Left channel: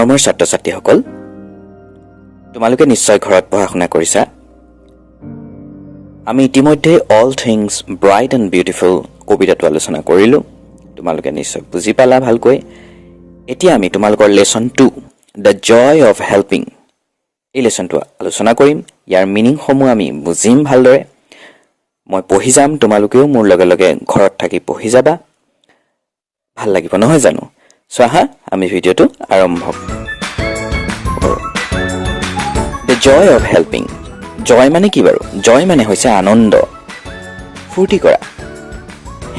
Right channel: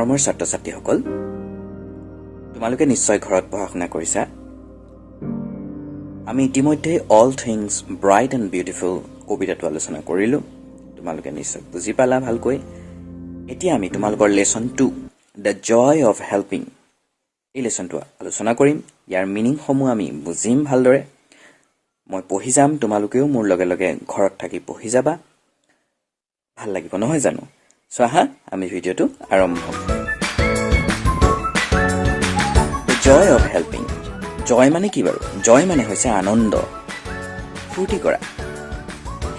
মৰমৰ ছাত্ৰ-ছাত্ৰীসকল, তোমালোকে নিশ্চয় ঘৰত পঢ়া-শুনা কৰিছা। আমি ইতিমধ্যে all things bright and beautiful কবিতাটো আলোচনা কৰিলোঁ। তোমালোকে নিশ্চয় বুজি পালা ভালকৈ। এতিয়া আমি তোমালোকৰ lesson 2 the joy of helping এই লেচনটো আলোচনা কৰিম। ইয়াৰ মিনিংসমূহ আমি বুজিম ভালদৰে। মই পঢ়ি যাম, তোমালোকেও মোৰ লগে লগে ঘৰত থাকি পঢ়ি যাবা। ভাল লাগিব নহয় জানো? চোৱা হা, আমি ভিডিঅ'টো আৰম্ভ কৰোঁ। The joy of helping. Joy মানে কি বাৰু? জয় মানে হৈছে আনন্দ, ফূৰ্তি কৰা।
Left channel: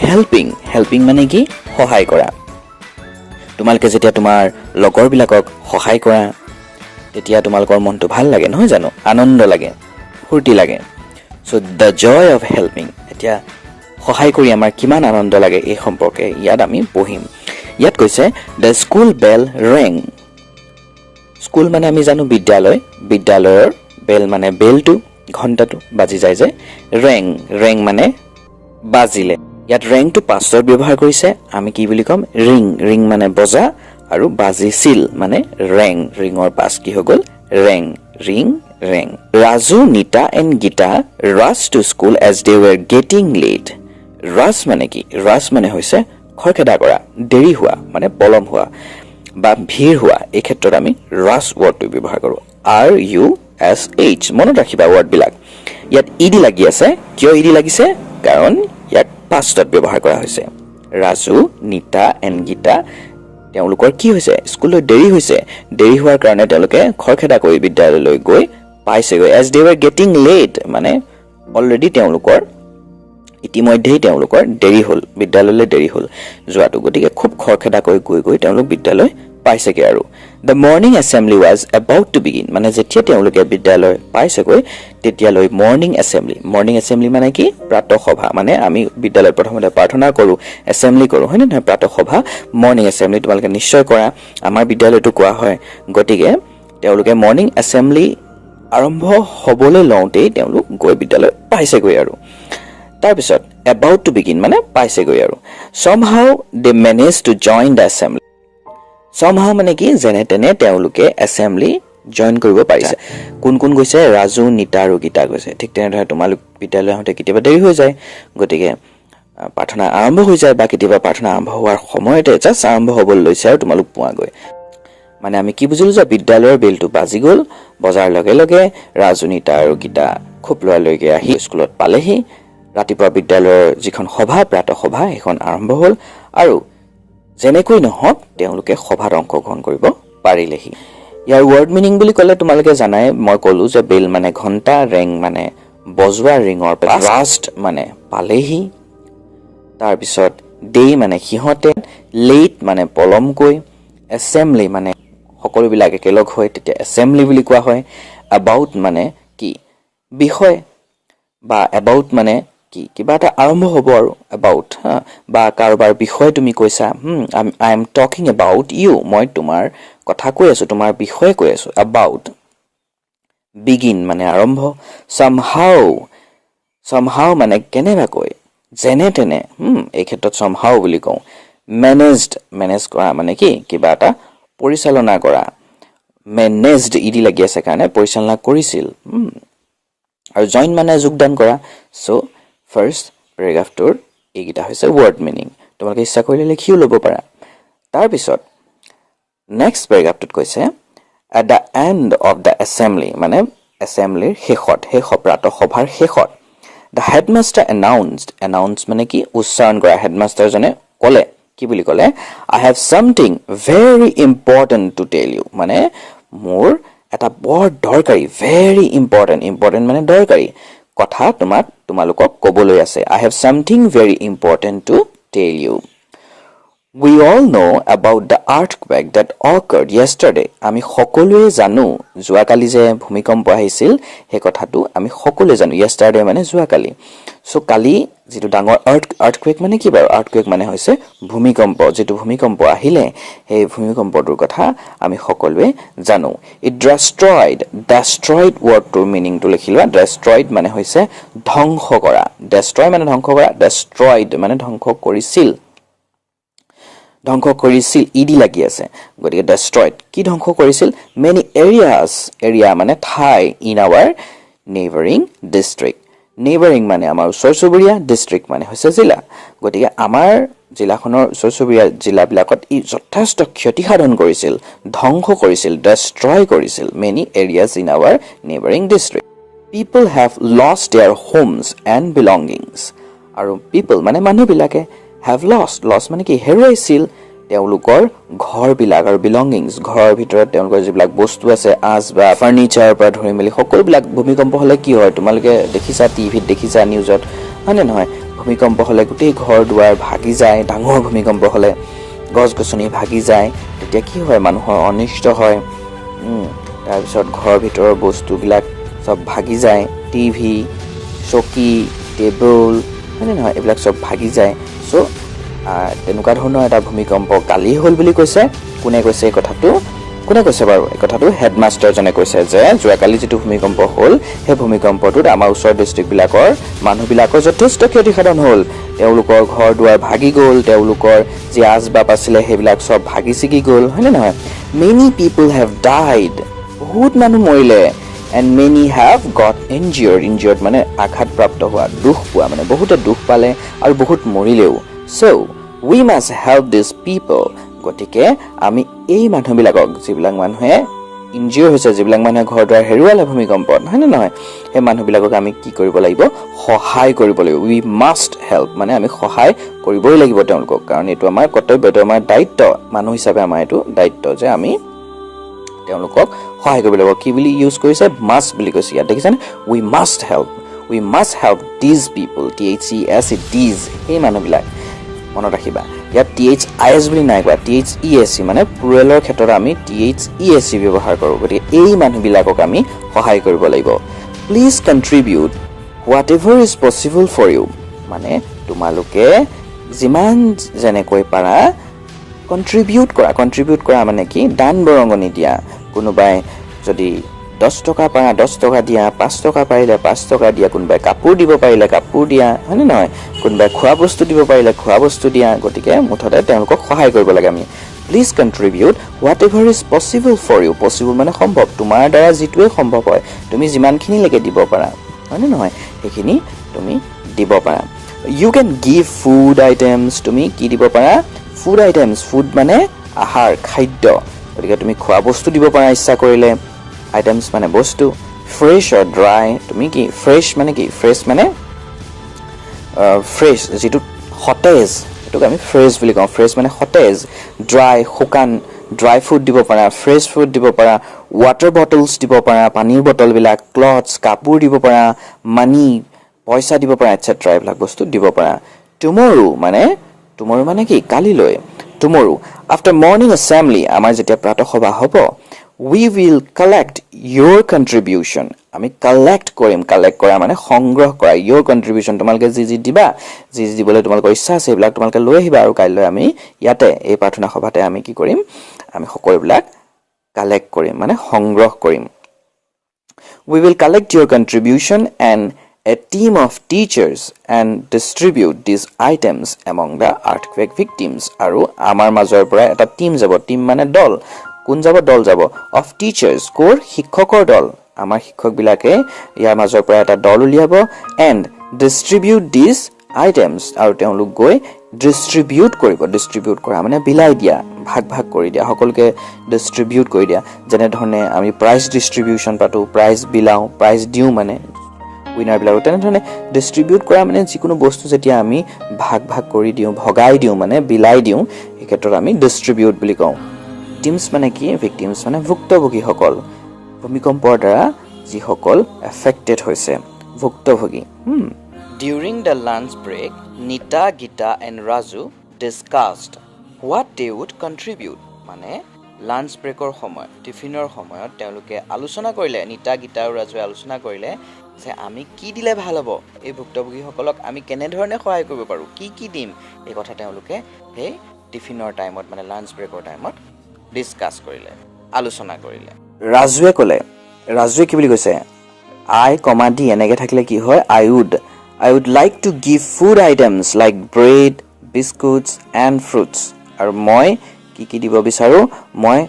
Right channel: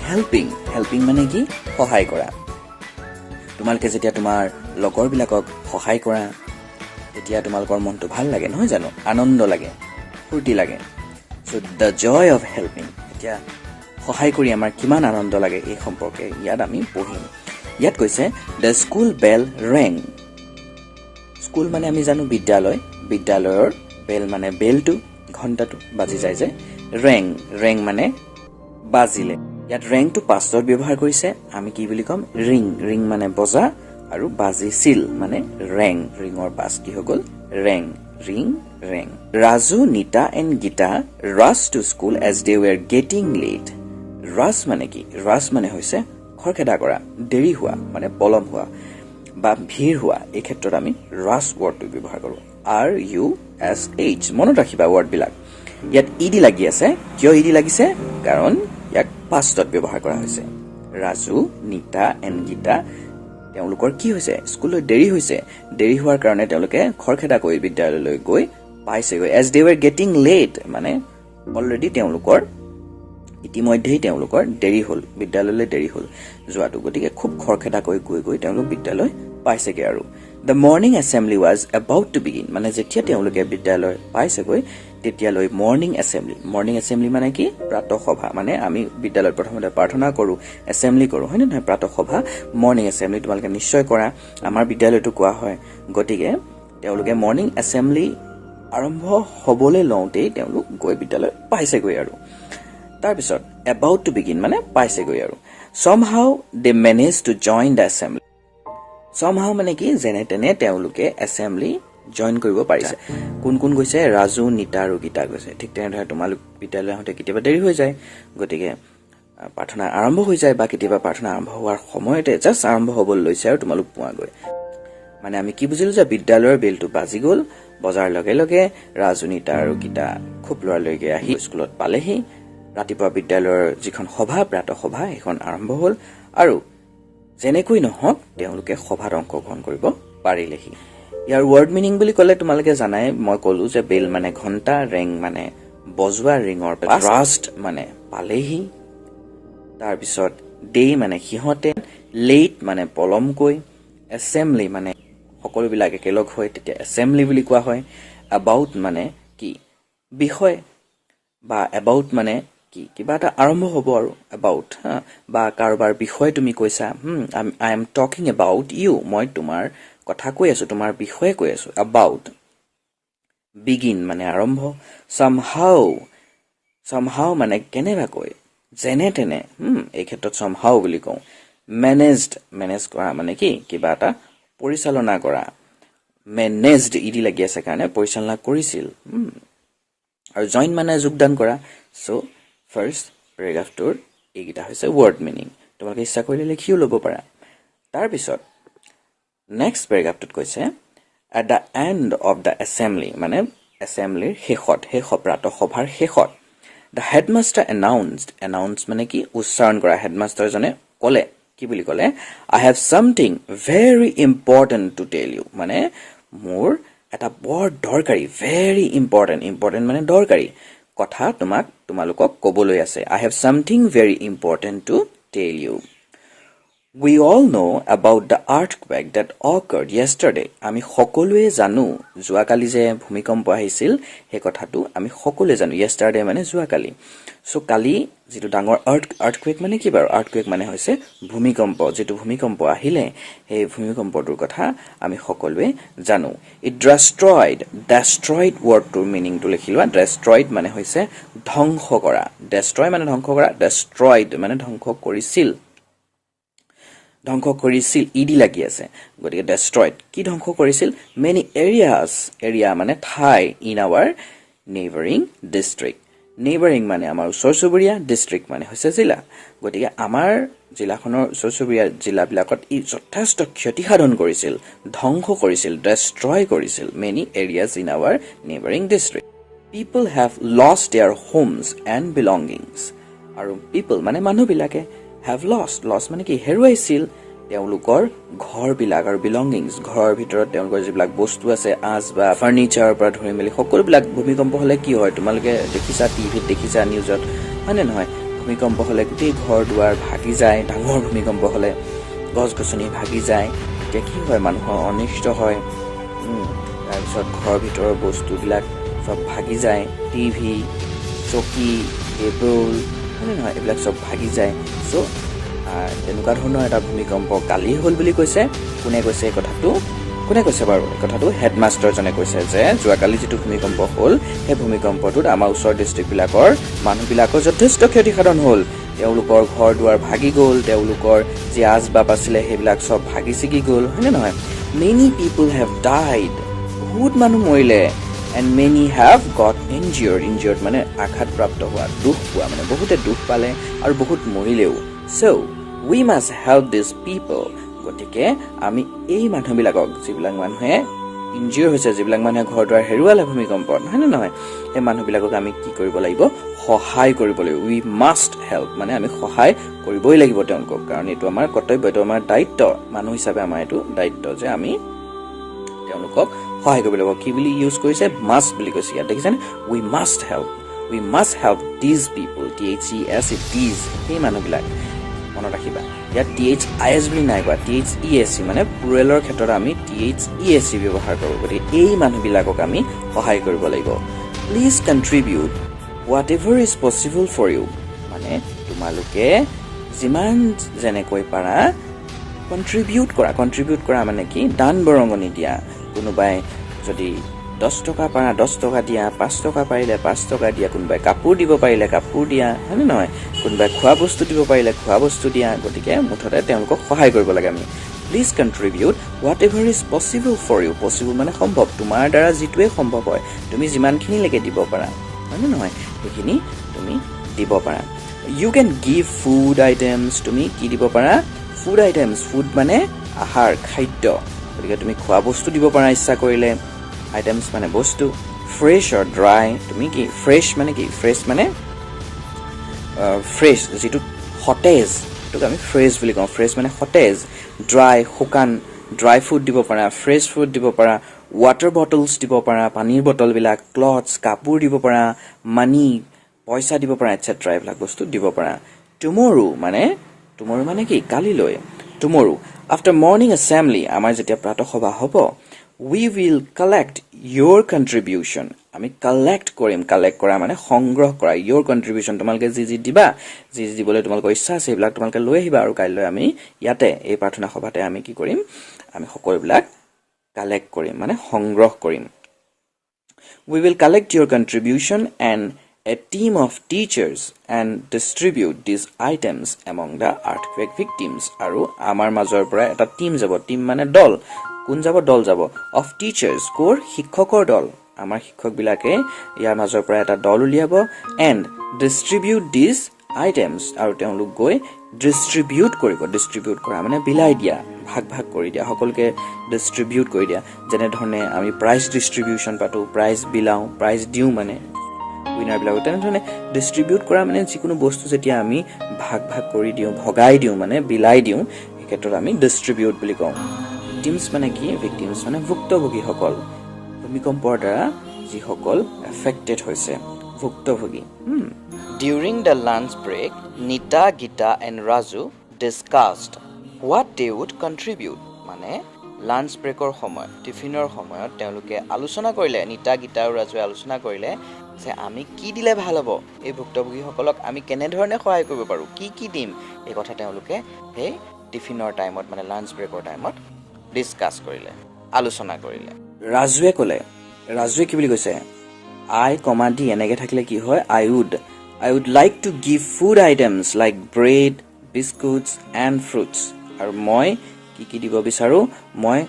হেল্পিং, হেল্পিং মানে কি? সহায় কৰা। তোমালোকে যেতিয়া তোমাৰ লগৰবিলাকক সহায় কৰা, তেতিয়া তোমালোকৰ মনটো ভাল লাগে নহয় জানো? আনন্দ লাগে, ফূৰ্তি লাগে। চ' দ্য জয় অফ হেল্পিং। এতিয়া সহায় কৰি আমাৰ কিমান আনন্দ লাগে এই সম্পৰ্কে ইয়াত আমি পঢ়িম। ইয়াত কৈছে the school bell Reng. School মানে আমি জানো বিদ্যালয়, বিদ্যালয়ৰ বেল মানে বেলটো, ঘণ্টাটো বাজি যায় যে। ৰেং, ৰেং মানে বাজিলে। ইয়াত ৰেংটো পাষ্টত ব্যৱহাৰ কৰিছে। আমি কি বুলি ক'ম? ৰিং, ৰিং মানে বজা, আৰু বাজিছিল মানে ৰেং। ৰিঙৰ পাছ কি হৈ গ'ল? ৰেং, ring, rang. Raju, Nita and Gita rush to school as they were getting late. Rush মানে কি? ৰাছ মানে হৈছে খৰখেদা কৰা, দেৰি হোৱা মানে পলম হোৱা বা ভিৰ হোৱা। এই ক্ষেত্ৰত আমি ৰাছ ৱৰ্ডটো ব্যৱহাৰ কৰোঁ। RUSH। মনত ৰাখিবা ৱৰ্ডবিলাক। ইয়াত ইডি লাগি আছে। কিয় ইডি লাগিছে? কাৰণ ইয়াক পাষ্টত ব্যৱহাৰ কৰা হৈছে। ৰাজু, নিতা এণ্ড গীতা তেওঁলোকৰ কি হৈছে? স্কুললৈ দেৰি হৈছে। দেৰি হোৱাৰ কাৰণে তেওঁলোকে খৰখেদা কৰি বিদ্যালয়লৈ গৈ পাইছেগৈ। As they were getting late মানে অলৰেডি ইতিমধ্যেই তেওঁলোকৰ দেৰি হ'ল, বিদ্যালয়লৈ দেৰি হ'ল যোৱাটো। গতিকে খুব খৰখেদা কৰি গৈ তেওঁলোক বিদ্যালয় পাইছেগৈ আৰু। The morning assembly was about to begin মানে যেতিয়া তেওঁলোকে বিদ্যালয় পাইছেগৈ তেতিয়ালৈ মৰ্ণিং এছেম্বলি। মৰ্ণিং এছেম্বলি মানে কি? প্ৰাতঃসভা। মানে আমি বিদ্যালয়ত প্ৰথমতে প্ৰাৰ্থনা কৰোঁ, এছেম্বলি কৰোঁ, হয় নে নহয়? প্ৰাতঃসভা, মৰ্ণিং এছেম্বলি তোমালোকে নিশ্চয় কৰা। আমাৰ বিদ্যালয়তো কোৱা হয়। গতিকে তেওঁলোকে মৰ্ণিং এছেম্বলি আৰম্ভ হ'বলৈ লওঁতেই তেওঁলোক গৈ বিদ্যালয় পাইছেগৈ আৰু। তাৰপিছত এবাউট টু বিগিন মানে পাইছেগৈ আৰু। Somehow they manage to join the assembly. Somehow মানে কি? যেনে তেনে তেওঁলোকে এছেম্বলি জইন কৰিব পাৰিছে। কোন কোন গৈছে? ৰাজু, নিতা আৰু গীতা গৈছে। ঠিক তেনেদৰে তোমালোক বিদ্যালয় আহোঁতে কেতিয়াবা দেৰি হৈ যায়, গতিকে প্ৰাৰ্থনা আৰম্ভ হৈ যায়, বা কেতিয়াবা প্ৰাৰ্থনা আৰম্ভ হোৱাৰ সময়তে জাষ্ট আৰম্ভ হ'বলৈ লৈছে আৰু তোমালোক পোৱাগৈ। মানে আমি কি বুজিলোঁ যে বিদ্যালয়ৰ বেলটো বাজি গ'ল, বজাৰ লগে লগে ৰাজু, নিতা আৰু গীতা খুব লৰালৰিকৈ আহি স্কুলত পালেহি। ৰাতিপুৱা বিদ্যালয়ৰ যিখন সভা, প্ৰাতঃসভা, সেইখন আৰম্ভ হ'ল আৰু যেনেকৈ নহওক তেওঁলোকে সভাত অংশগ্ৰহণ কৰিব পাৰিলেহি। ইয়াৰ ৱৰ্ড মিনিং বুলি ক'লে তোমালোকে জানাই, মই ক'লোঁ যে বেল মানে ঘণ্টা, ৰেং মানে বজোৱা, ৰিঙৰ ৰাষ্ট মানে পালেহি। তাৰপিছত দে মানে সিহঁতে, লেট মানে পলমকৈ, এছেম্বলি মানে সকলোবিলাক একেলগ হয় তেতিয়া এছেম্বলি বুলি কোৱা হয়। এবাউট মানে কি? বিষয়, বা এবাউট মানে কি? কিবা এটা আৰম্ভ হ'ব আৰু এবাউট, বা কাৰোবাৰ বিষয়ে তুমি কৈছা। I am talking about you. মই তোমাৰ কথা কৈ আছোঁ, তোমাৰ বিষয়ে কৈ আছোঁ। এবাউট। বিগিন মানে আৰম্ভ। চামহাউ মানে কেনেবাকৈ, যেনে তেনে, এই ক্ষেত্ৰত চামহাউ বুলি কওঁ। মেনেজ কৰা মানে কি? কিবা এটা পৰিচালনা কৰা। মেনেজড ইডি লাগি আছে কাৰণে পৰিচালনা কৰিছিল। আৰু জইন মানে যোগদান কৰা। চ' ফাৰ্ষ্ট পেৰেগ্ৰাফটোৰ এইকেইটা হৈছে ৱৰ্ড মিনিং। তোমালোকে ইচ্ছা কৰিলে লিখিও ল'ব পাৰা। তাৰপিছত নেক্সট পেৰেগ্ৰাফটোত কৈছে at the and of the assembly মানে এছেম্বলিৰ শেষত, প্ৰাতঃসভাৰ শেষত। দ্য হেডমাষ্টাৰ এনাউন্স মানে কি? উচ্চাৰণ কৰা। হেডমাষ্টাৰজনে ক'লে, কি বুলি ক'লে? I have something very important to tell you মানে মোৰ এটা বৰ দৰকাৰী, ভেৰি ইম্পৰ্টেণ্ট মানে দৰকাৰী কথা তোমালোকক ক'বলৈ আছে। I have something very important to tell you. We all know about the earthquake that occurred yesterday. আমি সকলোৱে জানো যোৱাকালি যে ভূমিকম্প আহিছিল সেই কথাটো আমি সকলোৱে জানো। yesterday মানে যোৱাকালি। সো কালি যেটো ডাঙৰ earthquake মানে কি বাৰু? earthquake মানে হৈছে ভূমিকম্প। যেটো ভূমিকম্প আহিলে সেই ভূমিকম্পটোৰ কথা আমি সকলোৱে জানো। It destroyed wordটোৰ মিনিংটো লিখি লোৱা। destroyed মানে হৈছে ধ্বংস কৰা। destroy মানে ধ্বংস কৰা, destroyed মানে ধ্বংস কৰিছিল। ধ্বংস কৰিছিল ইডি লাগি আছে গতিকে destroyed কি ধ্বংস কৰিছিল many areas area মানে ঠাই in our neighboring district neighboring মানে আমাৰ ওচৰ চুবুৰীয়া district মানে হৈছে জিলা গতিকে আমাৰ জিলাখনৰ ওচৰ চুবুৰীয়া জিলাবিলাকত ই যথেষ্ট ক্ষতি সাধন কৰিছিল ধ্বংস কৰিছিল destroy কৰিছিল many areas in our neighboring district people have lost their homes and belongings আৰু people মানে মানুহবিলাকে have lost মানে কি হেৰুৱাইছিল তেওঁলোকৰ ঘৰবিলাক আৰু belongings ঘৰৰ ভিতৰত তেওঁলোকৰ যিবিলাক বস্তু আছে আজ বা ফাৰ্নিচাৰ পৰা ধৰি মেলি সকলোবিলাক ভূমিকম্প হলে কি হয় তোমালোকে দেখিছা টিভিত দেখিছা নিউজত হয়নে নহয় ভূমিকম্প হলে গোটেই ঘৰ দুৱাৰ ভাগি যায় ডাঙৰ ভূমিকম্প হলে গছ গছনি ভাগি যায় এতিয়া কি হয় মানুহৰ অনিষ্ট হয় তাৰ পিছত ঘৰৰ ভিতৰৰ বস্তুবিলাক সব ভাগি যায় টিভি চকী টেবুল হয়নে নহয় এইবিলাক সব ভাগি যায় সো তেনেকুৱা ধৰণৰ এটা ভূমিকম্প কালি হ'ল বুলি কৈছে কোনে কৈছে এই কথাটো কোনে কৈছে বাৰু এই কথাটো হেডমাষ্টাৰ জনে কৈছে যে যোৱাকালি যেটো ভূমিকম্প হ'ল সেই ভূমিকম্পটোত আমাৰ ওচৰ ডিস্ট্ৰিক্টবিলাকৰ মানুহবিলাকৰ যথেষ্ট ক্ষতিসাধন হ'ল তেওঁলোকৰ ঘৰ দুৱাৰ ভাগি গ'ল তেওঁলোকৰ যে আজবাব আছিলে সেইবিলাক সব ভাগি ছিগি গ'ল হয়নে নহয় many people have died বহুত মানুহ মৰিলে and many have got injured মানে আঘাতপ্ৰাপ্ত হোৱা দুখ পোৱা মানে বহুতে দুখ পালে আৰু বহুত মৰিলেও so we must help these people গতিকে আমি এই মানুহবিলাকক যিবিলাক মানুহে ইনজিউৰ হৈছে যিবিলাক মানুহে ঘৰ দুৱাৰ হেৰুৱালে ভূমিকম্পত হয়নে নহয় এই মানুহবিলাকক আমি কি কৰিব লাগিব সহায় কৰিব লাগিব we must help মানে আমি সহায় কৰিবই লাগিব তেওঁলোকক কাৰণ এইটো আমাৰ কৰ্তব্য এইটো আমাৰ দায়িত্ব মানুহ হিচাপে আমাৰ এইটো দায়িত্ব যে আমি তেওঁলোকক সহায় কৰিব লাগিব কি বুলি ইউজ কৰিছে must বুলি কৈছে ইয়াত দেখিছেনে we must help these people these এই মানুহবিলাক মনত ৰাখিবা ইয়াত this বুলি নাই কোৱা thesc মানে প্লুৰেলৰ ক্ষেত্ৰত আমি thesc ব্যৱহাৰ কৰোঁ গতিকে এই মানুহবিলাকক আমি সহায় কৰিব লাগিব please contribute whatever is possible for you মানে তোমালোকে যিমান যেনেকৈ পাৰা কন্ট্ৰিবিউট কৰা মানে কি দান বৰঙণি দিয়া কোনোবাই যদি 10 টকা পাৰা 10 টকা দিয়া 5 টকা পাৰিলে 5 টকা দিয়া কোনোবাই কাপোৰ দিব পাৰিলে কাপোৰ দিয়া হয়নে নহয় কোনোবাই খোৱা বস্তু দিব পাৰিলে খোৱা বস্তু দিয়া গতিকে মুঠতে তেওঁলোকক সহায় কৰিব লাগে আমি please contribute whatever is possible for you possible মানে সম্ভৱ তোমাৰ দ্বাৰা যিটোৱে সম্ভৱ হয় তুমি যিমানখিনিলৈকে দিব পাৰা হয়নে নহয় সেইখিনি তুমি দিব পাৰা you can give food items তুমি কি দিব পাৰা food items food মানে আহাৰ খাদ্য গতিকে তুমি খোৱা বস্তু দিব পাৰা ইচ্ছা কৰিলে items মানে বস্তু fresh or dry তুমি কি fresh মানে কি fresh মানে fresh যেটো সতেজ এটোক আমি fresh বুলি কওঁ fresh মানে সতেজ dry শুকান dry food দিব পাৰা fresh food দিব পাৰা water bottles দিব পাৰা পানীৰ বটল বিলাক clothes কাপোৰ দিব পাৰা money পইচা দিব পাৰা etc এইবিলাক বস্তু দিব পাৰা tomorrow মানে কি কালিলৈ tomorrow after morning assembly আমাৰ যেতিয়া প্ৰাতঃ সভা হ'ব we will collect your contribution আমি collect কৰা মানে সংগ্ৰহ কৰা your contribution তোমালোকে যি দিবা যি দিবলৈ তোমালোকৰ ইচ্ছা আছে এইবিলাক তোমালোকে লৈ আহিবা আৰু কাইলৈ আমি ইয়াতে এই প্ৰাৰ্থনা সভাতে আমি কি কৰিম আমি সকলোবিলাক collect কৰিম মানে সংগ্ৰহ কৰিম we will collect your contribution and a team of teachers and distribute these items among the earthquake victims আৰু আমাৰ মাজৰ পৰা এটা টিম যাব টিম মানে দল কোন যাব দল যাব of teachers কোৰ শিক্ষকৰ দল আমাৰ শিক্ষকবিলাকে ইয়াৰ মাজৰ পৰা এটা দল উলিয়াব and distribute these items আৰু তেওঁলোক গৈ distribute কৰা মানে বিলাই দিয়া ভাগ কৰি দিয়া সকলোকে distribute কৰি দিয়া যেনে ধৰণে আমি prize distribution পাতো prize বিলাও prize দিও মানে উইনাৰ বিলাক তেনে ধৰণে distribute কৰা মানে যিকোনো বস্তু যেতিয়া আমি ভাগ কৰি দিও ভগাই দিও মানে বিলাই দিও এই ক্ষেত্ৰত আমি distribute বুলি কওঁ victims মানে কি victims মানে ভুক্তভোগীসকল ভূমিকম্পৰ দ্বাৰা যিসকল এফেক্টেড হৈছে ভুক্তভোগী During the lunch break, Nita, Gita and Raju discussed what they would contribute. মানে লাঞ্চ ব্ৰেকৰ সময় টিফিনৰ সময়ত তেওঁলোকে আলোচনা কৰিলে নিতা গীতা আৰু ৰাজুৱে আলোচনা কৰিলে যে আমি কি দিলে ভাল হ'ব এই ভুক্তভোগীসকলক আমি কেনে ধৰণে সহায় কৰিব পাৰো কি দিম এই কথা তেওঁলোকে সেই টিফিনৰ টাইমত মানে লাঞ্চ ব্ৰেকৰ টাইমত ডিসকাস কৰিলে আলোচনা কৰিলে ৰাজুৱে কি বুলি কৈছে I, D এনেকৈ থাকিলে কি হয় I would like to give food items like bread, biscuits and fruits. আৰু মই কি দিব বিচাৰো মই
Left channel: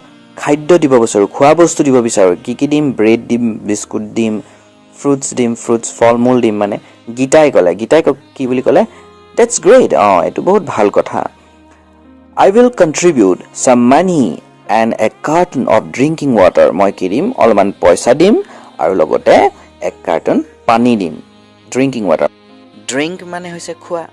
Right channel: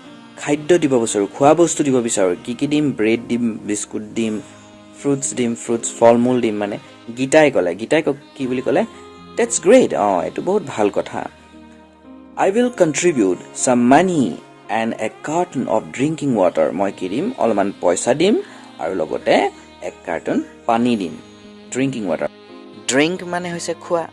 খাদ্য দিব বিচাৰো খোৱা বস্তু দিব বিচাৰো কি দিম ব্ৰেড দিম বিস্কুট দিম ফ্ৰুটছ ফলমূল দিম মানে গীতাই কি বুলি ক'লে that's great এটো বহুত ভাল কথা I will contribute some money and a carton of drinking water মই কি দিম অলমান পইচা দিম আৰু লগতে এক কাৰ্টন পানী দিম drinking water drink মানে হৈছে খোৱা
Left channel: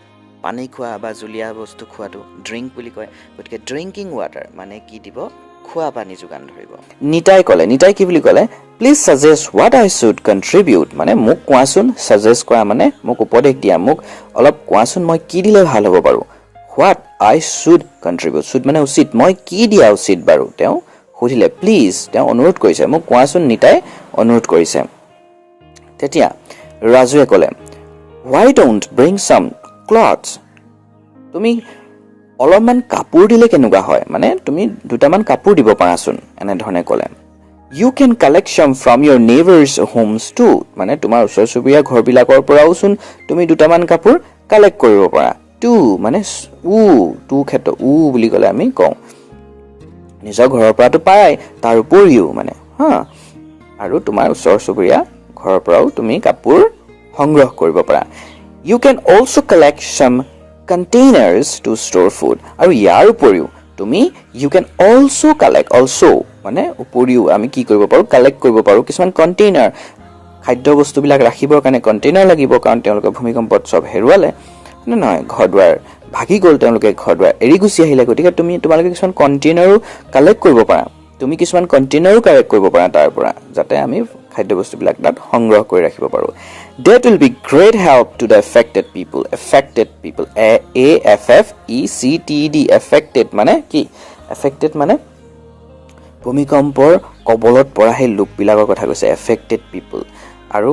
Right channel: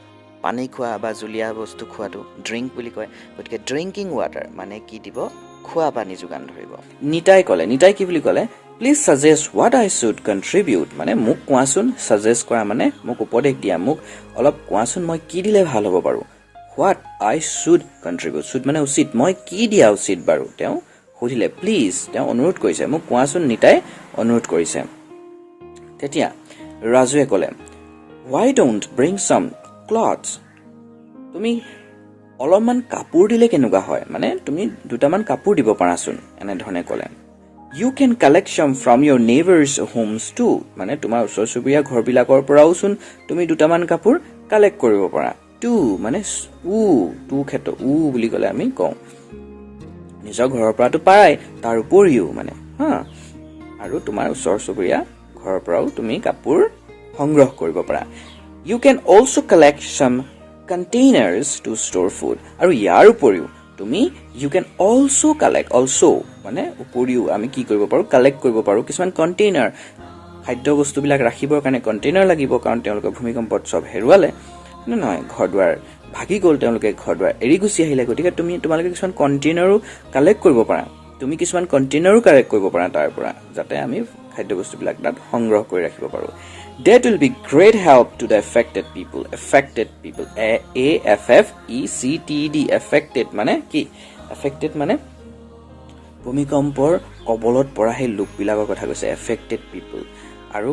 পানী খোৱা বা জুলীয়া বস্তু খোৱাটো drink বুলি কয় গতিকে drinking water মানে কি দিব খোৱা পানী যোগান ধৰিব নিতাই কি বুলি ক'লে please suggest what I should contribute মানে মোক কোৱাচোন suggest কৰা মানে মোক উপদেশ দিয়া মোক অলপ কোৱাচোন মই কি দিলে ভাল হ'ব পাৰো what I should contribute should মানে উচিত মই কি দিয়া উচিত বাৰু তেওঁ সুধিলে প্লিজ তেওঁ অনুৰোধ কৰিছে মোক কোৱাচোন নিতাই অনুৰোধ কৰিছে তেতিয়া ৰাজুৱে ক'লে why don't bring some clothes তুমি অলপমান কাপোৰ দিলে কেনেকুৱা হয় মানে তুমি দুটামান কাপোৰ দিব পাৰাচোন এনে ধৰণে ক'লে you can collect some from your neighbors homes too মানে তোমাৰ ওচৰ চুবুৰীয়া ঘৰবিলাকৰ পৰাওচোন তুমি দুটামান কাপোৰ কালেক্ট কৰিব পাৰা টু মানে টু ক্ষেত্ৰ বুলি ক'লে আমি কওঁ নিজৰ ঘৰৰ পৰাটো পায় তাৰ উপৰিও মানে আৰু তোমাৰ ওচৰ চুবুৰীয়া ঘৰৰ পৰাও তুমি কাপোৰ সংগ্ৰহ কৰিব পাৰা you can also collect some containers to store food আৰু ইয়াৰ উপৰিও তুমি you can also collect মানে উপৰিও আমি কি কৰিব পাৰো কালেক্ট কৰিব পাৰো কিছুমান কন্টেইনাৰ খাদ্য বস্তুবিলাক ৰাখিবৰ কাৰণে কন্টেইনাৰ লাগিব কাৰণ তেওঁলোকে ভূমিকম্পত সব হেৰুৱালে নহয় ঘৰদুৱাৰ ভাগি গ'ল তেওঁলোকে ঘৰদুৱাৰ এৰি গুচি আহিলে গতিকে তোমালোকে কিছুমান কন্টেইনাৰো কালেক্ট কৰিব পাৰা তুমি কিছুমান কন্টেইনাৰো কালেক্ট কৰিব পাৰা তাৰ পৰা যাতে আমি খাদ্য বস্তুবিলাক তাত সংগ্ৰহ কৰি ৰাখিব পাৰো that will be great help to the affected people a f f e c t d affected মানে কি affected মানে ভূমিকম্পৰ কবলত পৰা সেই লোকবিলাকৰ কথা কৈছে affected people আৰু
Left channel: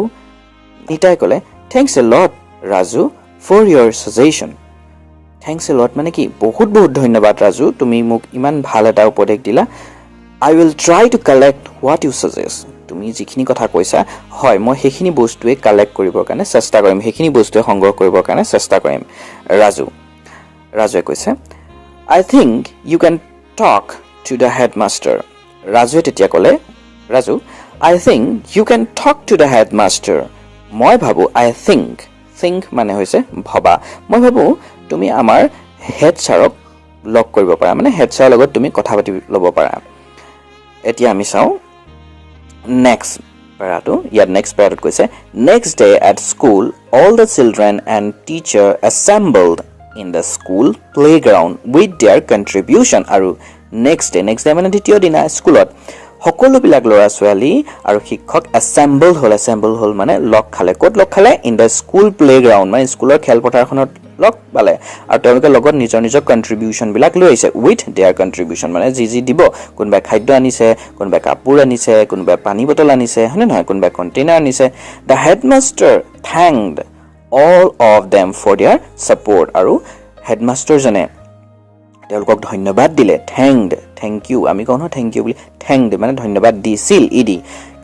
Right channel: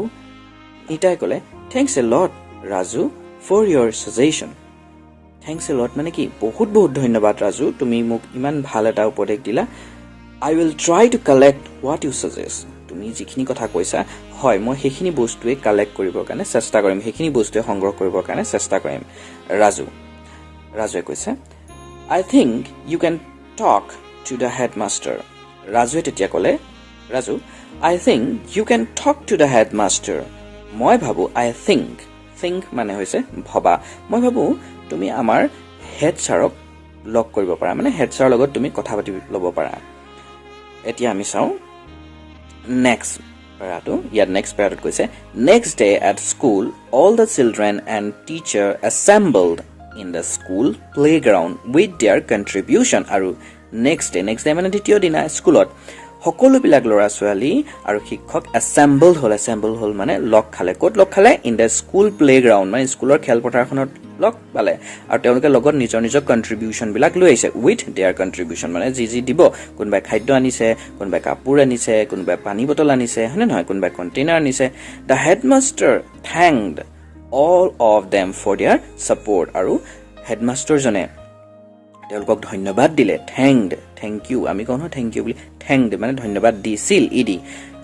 নিতাই ক'লে thanks a lot Raju for your suggestion thanks a lot মানে কি বহুত ধন্যবাদ ৰাজু তুমি মোক ইমান ভাল এটা উপদেশ দিলা I will try to collect what you suggest তুমি যিখিনি কথা কৈছা হয় মই সেইখিনি বস্তুৱে কালেক্ট কৰিবৰ কাৰণে চেষ্টা কৰিম সেইখিনি বস্তুৱে সংগ্ৰহ কৰিবৰ কাৰণে চেষ্টা কৰিম ৰাজুৱে কৈছে I think you can talk to the headmaster ৰাজুৱে তেতিয়া ক'লে Raju I think you can talk to the headmaster মই ভাবো I think মানে হৈছে ভবা মই ভাবো তুমি আমাৰ হেড ছাৰক লগ কৰিব পাৰা মানে হেড ছাৰৰ লগত তুমি কথা পাতি ল'ব পাৰা এতিয়া আমি চাও next parato কৈছে next day at school all the children and teacher assembled in the school playground with their contribution আৰু next day মানে দ্বিতীয় দিনা স্কুলত সকলো বিলাক ল'ৰা ছোৱালী আৰু শিক্ষক assemble হল মানে লগ খালে ক'ত লগ খালে in the school playground মানে স্কুলৰ খেলপথাৰখনত লগ পালে আৰু তেওঁলোকে লগত নিজৰ কন্ট্ৰিবিউশন বিলাক লৈ আহিছে with their contribution মানে যি দিব কোনবাই খাদ্য আনিছে কোনবাই কাপোৰ আনিছে কোনবাই পানী বটল আনিছে হয়নে নহয় কোনবাই কন্টেইনাৰ আনিছে the headmaster thanked all of them for their support আৰু হেডমাষ্টাৰ জনে তেওঁলোকক ধন্যবাদ দিলে thank you আমি কওঁ ন thank you বুলি thanked মানে ধন্যবাদ দিছিল ইদি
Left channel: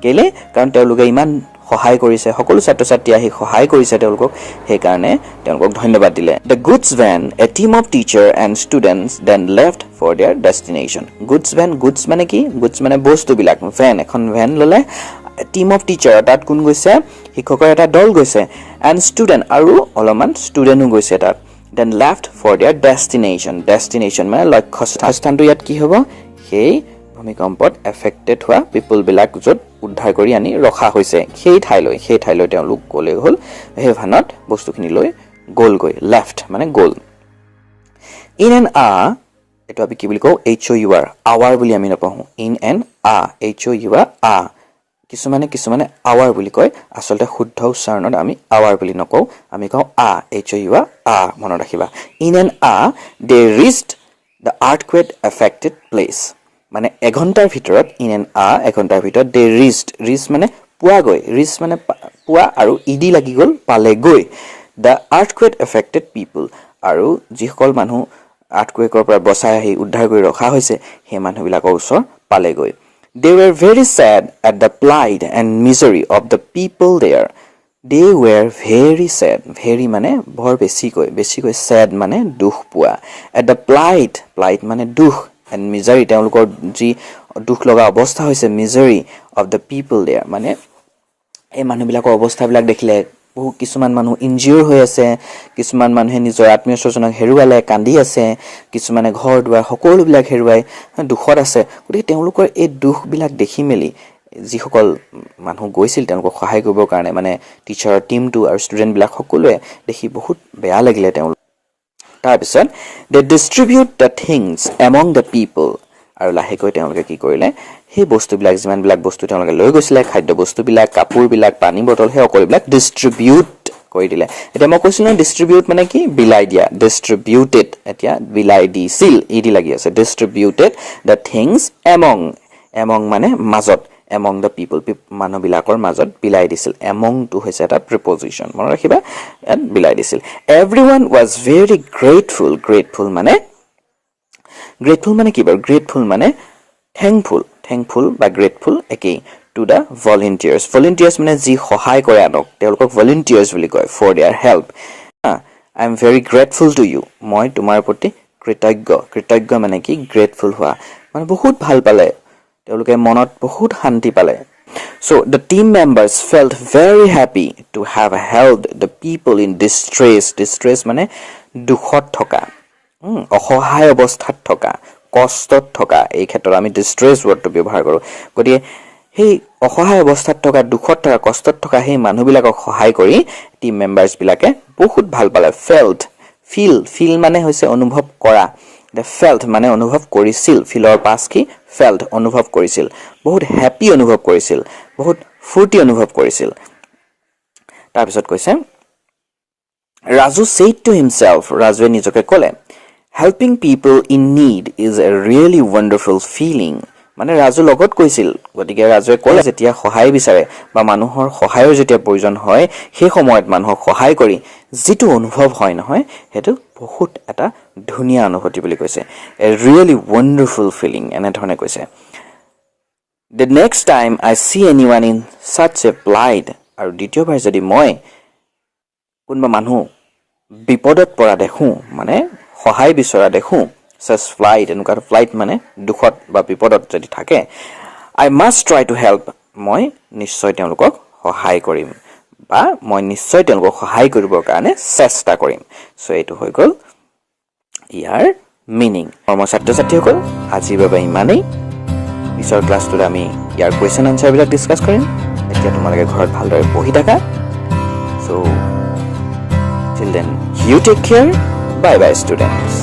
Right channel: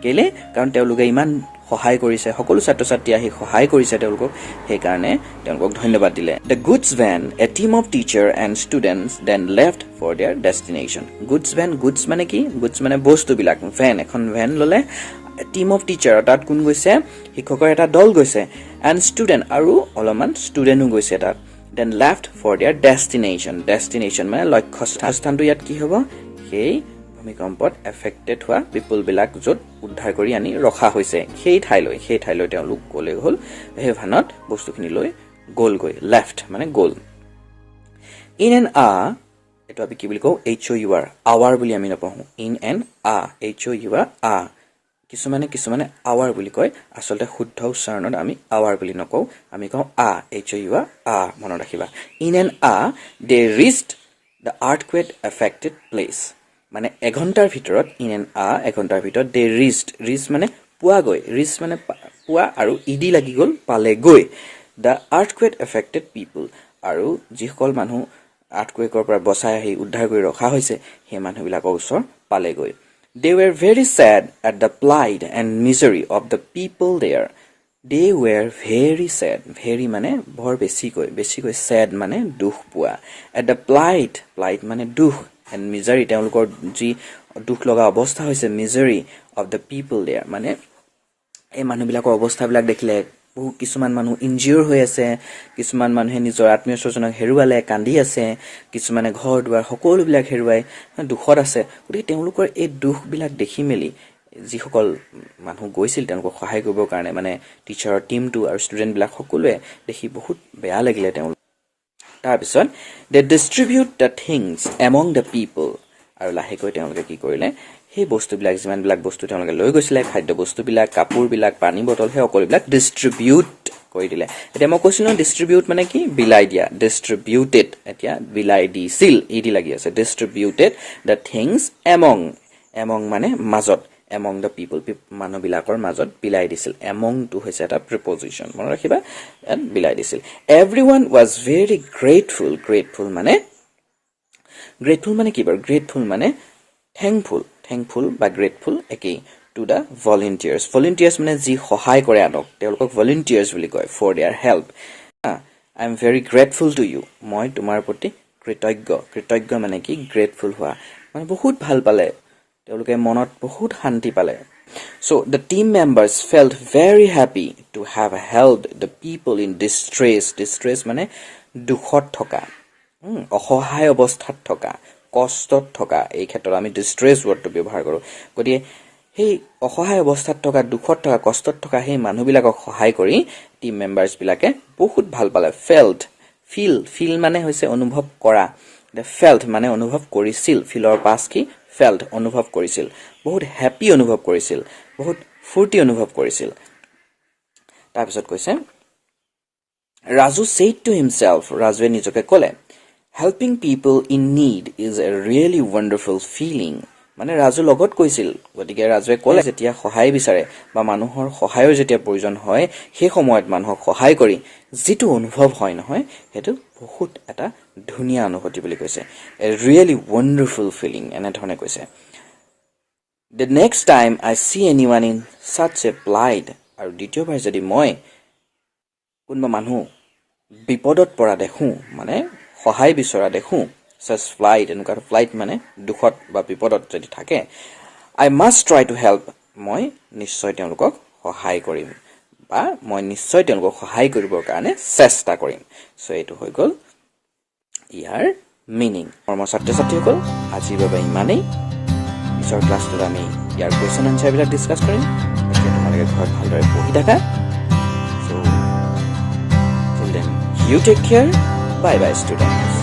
কেলে কাৰণ তেওঁলোকে ইমান সহায় কৰিছে সকলো ছাত্ৰ ছাত্ৰী আহি সহায় কৰিছে তেওঁলোকক সেই কাৰণে তেওঁলোকক ধন্যবাদ দিলে the goods van a team of teacher and students then left for their destination goods মানে কি goods মানে বস্তুবিলাক van এখন van ললে team of teacher তাত কোন গৈছে শিক্ষকৰ এটা দল গৈছে and student আৰু অলপমান ষ্টুডেন্টও গৈছে তাত then left for their destination মানে লক্ষ্য স্থানটো ইয়াত কি হ'ব সেই ভূমিকম্পত এফেক্টেড হোৱা পিপল বিলাক য'ত উদ্ধাৰ কৰি আনি ৰখা হৈছে সেই ঠাইলৈ তেওঁলোক গ'ল সেই ভানত বস্তুখিনি লৈ গ'লগৈ লেফ্ট মানে গ'ল in an এটো আমি কি বুলি কওঁ HOUR আৱাৰ বুলি আমি নপঢ়ো in an HOUR কিছুমানে আৱাৰ বুলি কয় আসলতে শুদ্ধ উচ্চাৰণত আমি আৱাৰ বুলি নকওঁ আমি কওঁ HOUR মনত ৰাখিবা in an they reached the earthquake affected place মানে এঘণ্টাৰ ভিতৰত in an এঘণ্টাৰ ভিতৰত they reached মানে পোৱাগৈ reach মানে পোৱা আৰু ইডি লাগি গ'ল পালেগৈ the earthquake affected people আৰু যিসকল মানুহ earthquakeৰ পৰা বচাই আহি উদ্ধাৰ কৰি ৰখা হৈছে সেই মানুহবিলাকৰ ওচৰ পালেগৈ they were very sad at the plight and misery of the people there they were very sad very মানে বৰ বেছিকৈ sad মানে দুখ পোৱা at the plight মানে দুখ and misery তেওঁলোকৰ যি দুখ লগা অৱস্থা হৈছে misery of the people there মানে এই মানুহবিলাকৰ অৱস্থাবিলাক দেখিলে বহু কিছুমান মানুহ ইনজিউৰ হৈ আছে কিছুমান মানুহে নিজৰ আত্মীয় স্বজনক হেৰুৱালে কান্দি আছে কিছুমানে ঘৰ দুৱাৰ সকলোবিলাক হেৰুৱাই দুখত আছে গতিকে তেওঁলোকৰ এই দুখবিলাক দেখি মেলি যিসকল মানুহ গৈছিল তেওঁলোকক সহায় কৰিবৰ কাৰণে মানে টিচাৰৰ টিমটো আৰু ষ্টুডেণ্টবিলাক সকলোৱে দেখি বহুত বেয়া লাগিলে তেওঁলোক তাৰপিছত they distribute the things among the people আৰু লাহেকৈ তেওঁলোকে কি কৰিলে সেই বস্তুবিলাক যিমানবিলাক বস্তু তেওঁলোকে লৈ গৈছিলে খাদ্য বস্তুবিলাক কাপোৰবিলাক পানী বটল সেই সকলোবিলাক ডিষ্ট্ৰিবিউট কৰি দিলে এতিয়া মই কৈছিলো ডিষ্ট্ৰিবিউট মানে কি বিলাই দিয়া ডিষ্ট্ৰিবিউটেড এতিয়া বিলাই দিছিল ইডি লাগি আছে ডিষ্ট্ৰিবিউটেড the things among মানে মাজত among the people মানুহবিলাকৰ মাজত বিলাই দিছিল among to হৈছে এটা preposition মনত ৰাখিবা and বিলাই দিছিল everyone was very grateful মানে কি বাৰু grateful মানে thankful বা grateful একেই to the volunteers মানে যি সহায় কৰে আনক তেওঁলোকক volunteers বুলি কয় for their help I am very grateful to you মই তোমাৰ প্ৰতি কৃতজ্ঞ মানে কি grateful হোৱা মানে বহুত ভাল পালে তেওঁলোকে মনত বহুত শান্তি পালে so the team members felt very happy to have helped the people in distress মানে দুখত থকা অসহায় অৱস্থাত থকা কষ্টত থকা এই ক্ষেত্ৰত আমি distress wordটো ব্যৱহাৰ কৰো গতিকে সেই অসহায় অৱস্থাত থকা দুখত থকা কষ্টত থকা সেই মানুহবিলাকক সহায় কৰি টিম মেম্বাৰ্ছ বিলাকে বহুত ভাল পালে feel মানে হৈছে অনুভৱ কৰা they felt মানে অনুভৱ কৰিছিল ফিলৰ পাছ কি felt অনুভৱ কৰিছিল বহুত হ্যাপি অনুভৱ কৰিছিল বহুত ফূৰ্তি অনুভৱ কৰিছিল তাৰপিছত কৈছে Raju said to himself ৰাজুৱে নিজকে ক'লে helping people in need is a really wonderful feeling মানে ৰাজু লগত কৈছিল গতিকে ৰাজুৱে ক'লে যেতিয়া সহায় বিচাৰে বা মানুহৰ সহায়ৰ যেতিয়া প্ৰয়োজন হয় সেই সময়ত মানুহক সহায় কৰি যেটো অনুভৱ হয় নহয় হেতু বহুত এটা ধুনিয়া অনুভূতি বুলি কৈছে a really wonderful feeling এনে ধৰণে কৈছে the next time I see anyone in such a plight আৰু দ্বিতীয়বাৰ যদি মই কোনবা মানুহ বিপদত পৰা দেখো মানে সহায় বিচৰা দেখো such flight এনেকুৱা flight মানে দুখত বা বিপদত যদি থাকে I must try to help মই নিশ্চয় তেওঁলোকক সহায় কৰিম বা মই নিশ্চয় তেওঁলোকক সহায় কৰিবৰ কাৰণে চেষ্টা কৰিম সো এটো হৈ গল ইয়াৰ মিনিং ছাত্ৰ-ছাত্ৰীসকল আজিৰ বাবে ইমানেই পিছৰ ক্লাছটোত আমি ইয়াৰ কোৱেশ্চন আনসাৰ বিলাক ডিসকাস কৰিম এতিয়া তোমালোকে ঘৰত ভালদৰে পঢ়ি থাকা so till then you take care bye students